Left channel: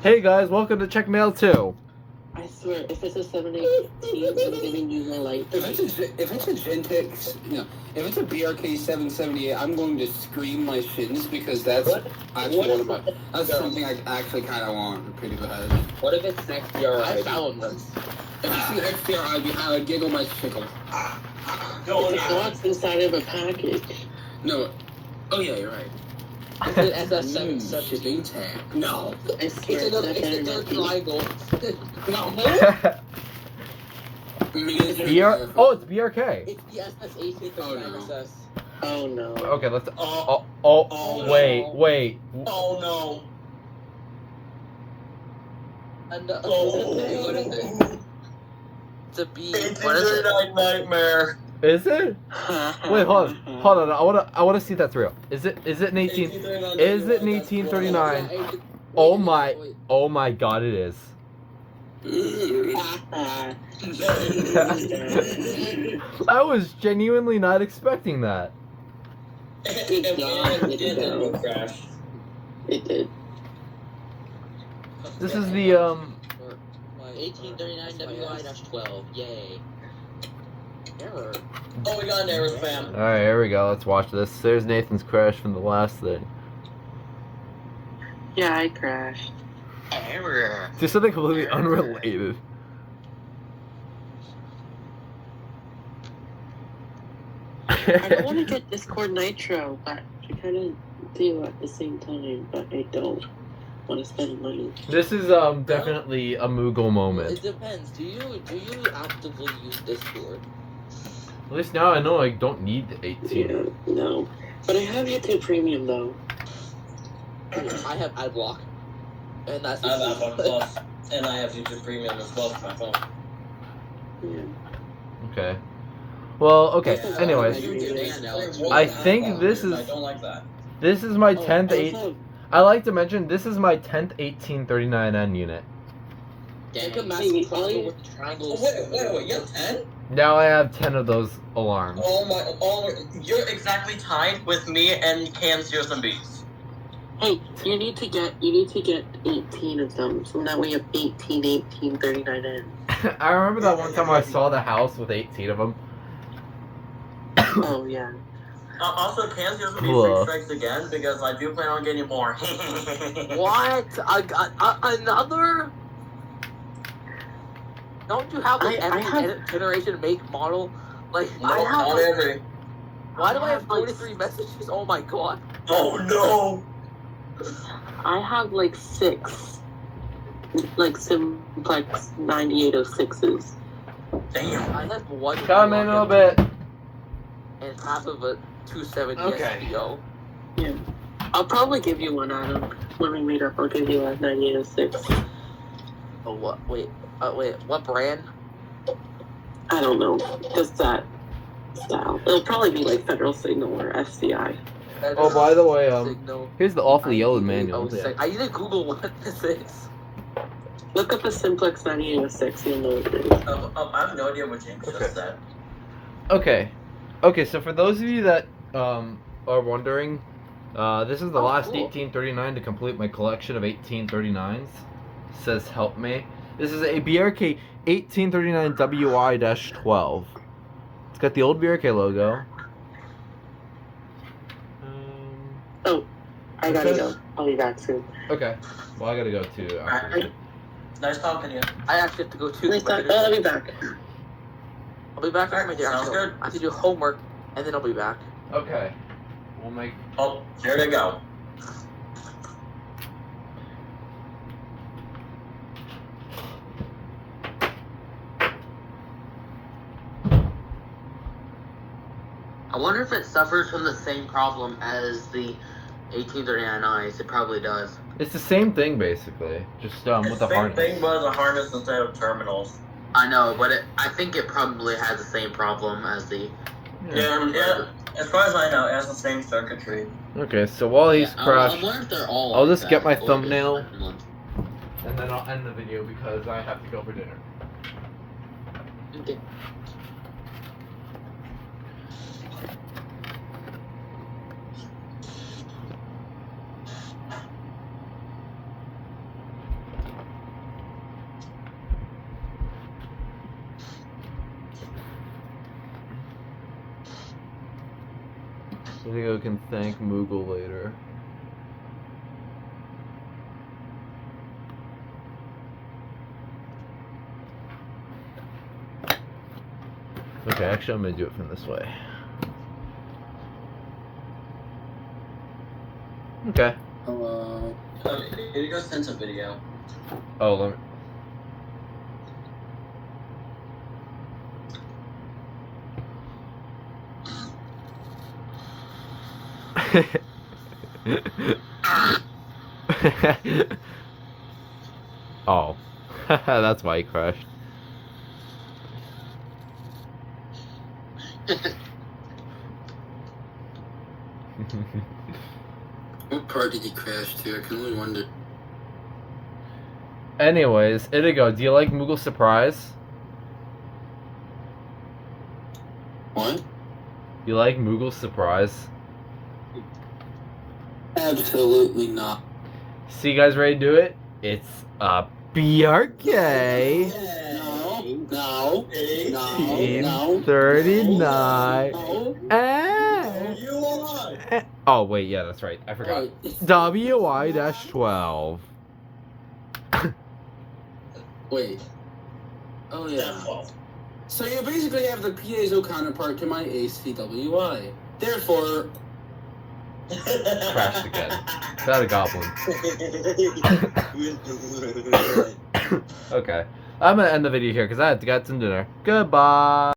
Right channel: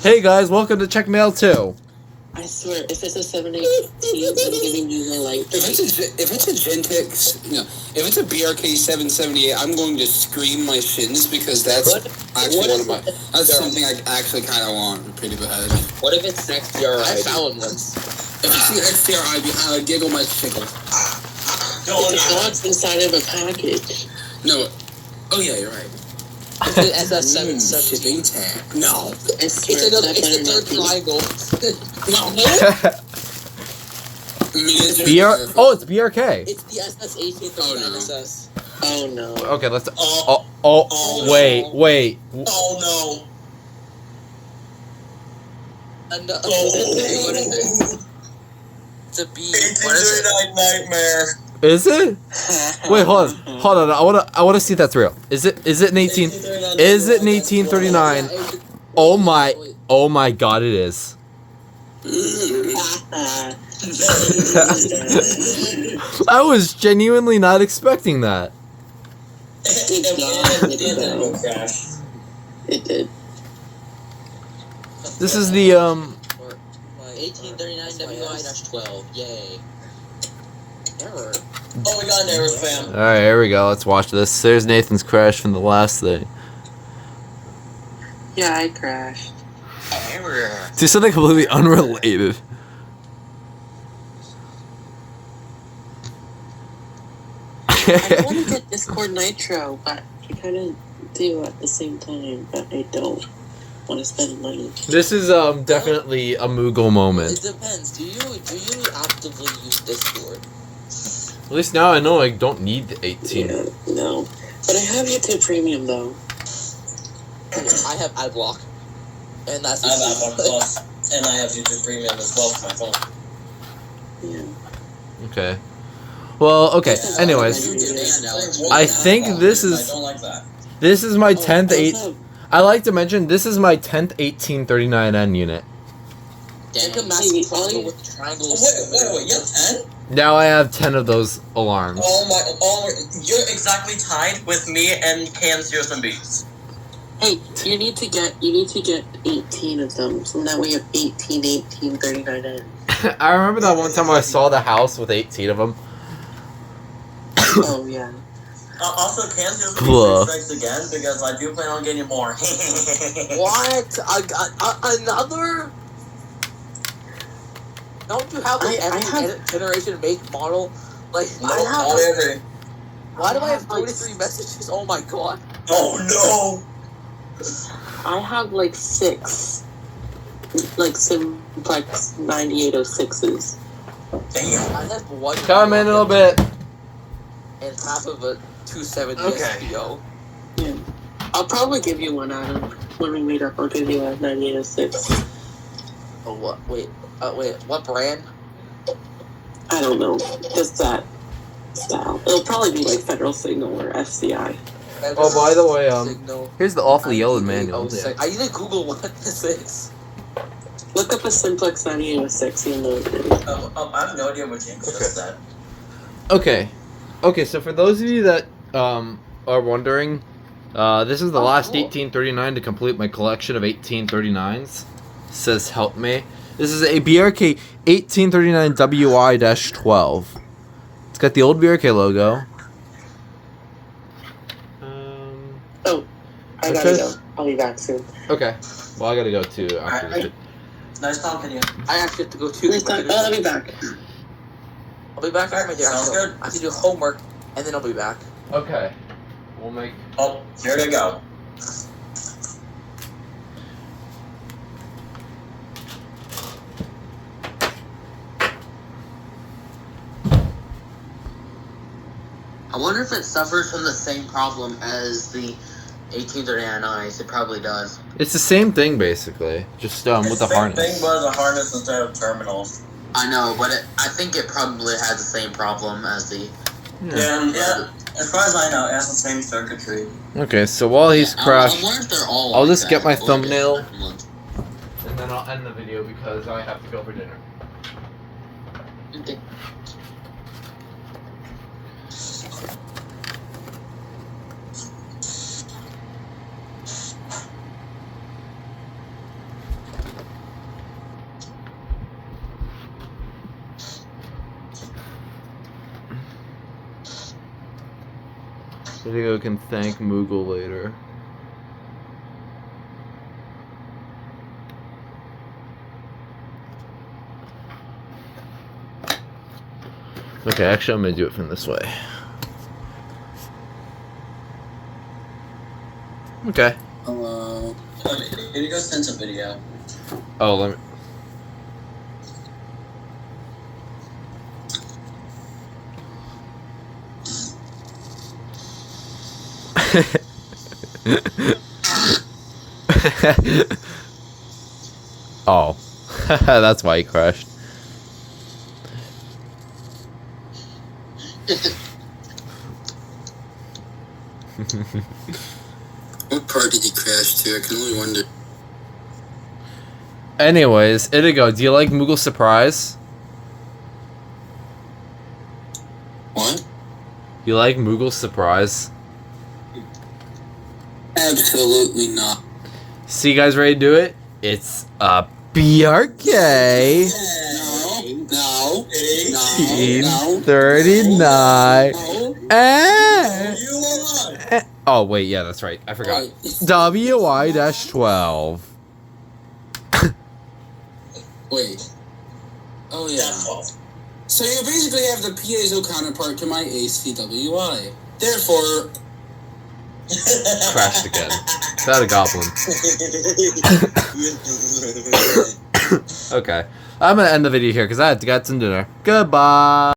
Hey guys, welcome to Check Mail 2. I swear, if it's a 718, I'm giving you the light. If it's a Gentex, if it's a BRK 778, I'm going to scream my shins because that's that's something I actually kind of want pretty bad. What if it's XDRI? I found once. If you see XDRI, giggle my tickle. It's God's inside of a package. No. Oh yeah, you're right. It's an SS717. Shipping tag. No. It's another triangle. Oh, it's BRK. It's the SS1839 SS. Oh no. Okay, let's. Wait. Oh no. And what is it? It's a B. What is it? Nightmare. Is it? Wait, hold on. I wanna see if that's real. Is it an 18? Is it an 1839? Oh my God, it is. I was genuinely not expecting that. It did. This is the 1839WI-12. Yay. Error. Oh, we got an error, fam. Alright, here we go. Let's watch this. There's Nathan's crash from the last thing. Yeah, I crashed. Error. To something completely unrelated. I want to get Discord Nitro, but I kind of do at the same time, but I don't want to spend money. This is definitely a Moogle moment. It depends. Do you actively use Discord? At least now I know I don't need the 18. Yeah, no. But I have YouTube Premium, though. I have AdBlock. And that's I have that one as well. And I have YouTube Premium as well for my phone. Yeah. Okay. Well, okay. Anyways, I think this I is don't like that. this is my 10th Also, I like to mention this is my 10th 1839N unit. Take a Hey, massive all puzzle you- with triangles. Wait, you have 10? Now I have 10 of those alarms. You're exactly tied with me and KM and B's. hey, you need to get 18 of them, so now we have 1839N. I remember that one time I saw the house with 18 of them. Oh, yeah. Also, KM and Cool. B's strikes again because I do plan on getting more. What? Another? Don't you have like I have- every generation make model? Like No, I have. not every. Why do I have like 43 messages? Oh my god. Oh no! I have like 6, like simplex 9806s. Damn. I have one. Come in a little bit. And half of a 270 Okay. SPO. Yeah. I'll probably give you one, Adam. When we meet up, I'll give you a 9806. Oh what? Wait. What brand? I don't know. Just that style. It'll probably be like Federal Signal or FCI. Oh, by the way, Signal. here's the awfully yellowed manual. 9806. I need to Google what this is. Look up a simplex 9806, you'll know what it is. I have no idea what James just said. Okay, so for those of you that are wondering, this is the last Cool. 1839 to complete my collection of 1839s. Says help me. This is a BRK 1839WI-12. It's got the old BRK logo. Oh, I gotta go. I'll be back soon. Okay. Well, I gotta go too. After this. Nice talking to you. I actually have to go too. I'll be back. I'll be back after my day. Sounds good. I have to do homework and then I'll be back. Okay. We'll make. Oh, here they go. I wonder if it suffers from the same problem as the 1839Is. It probably does. It's the same thing basically, just with the Same harness. thing, but a harness instead of terminals. I know, but I think it probably has the same problem as the... Yeah. As far as I know, it has the same circuitry. Okay, so while he's I crashed, wonder if they're all I'll like just get that, my or just thumbnail. different ones. and then I'll end the video because I have to go for dinner. Okay. Video can thank Moogle later. Okay, actually I'm gonna do it from this way. Okay. Hello. Here you go send a video. Oh, let me... Oh. That's why he crashed. What part did he crash to? I can only wonder. Anyways, Itigo, do you like Moogle Surprise? What? You like Moogle Surprise? Absolutely not. So you guys ready to do it? It's a BRK No. 39. No. Oh wait, yeah, that's right. I forgot. WI-12. Wait. Oh yeah. So you basically have the piezo counterpart to my ACWI. Therefore, Crashed again. Is that a goblin? Okay. I'm gonna end the video here because I had to get some dinner. Goodbye.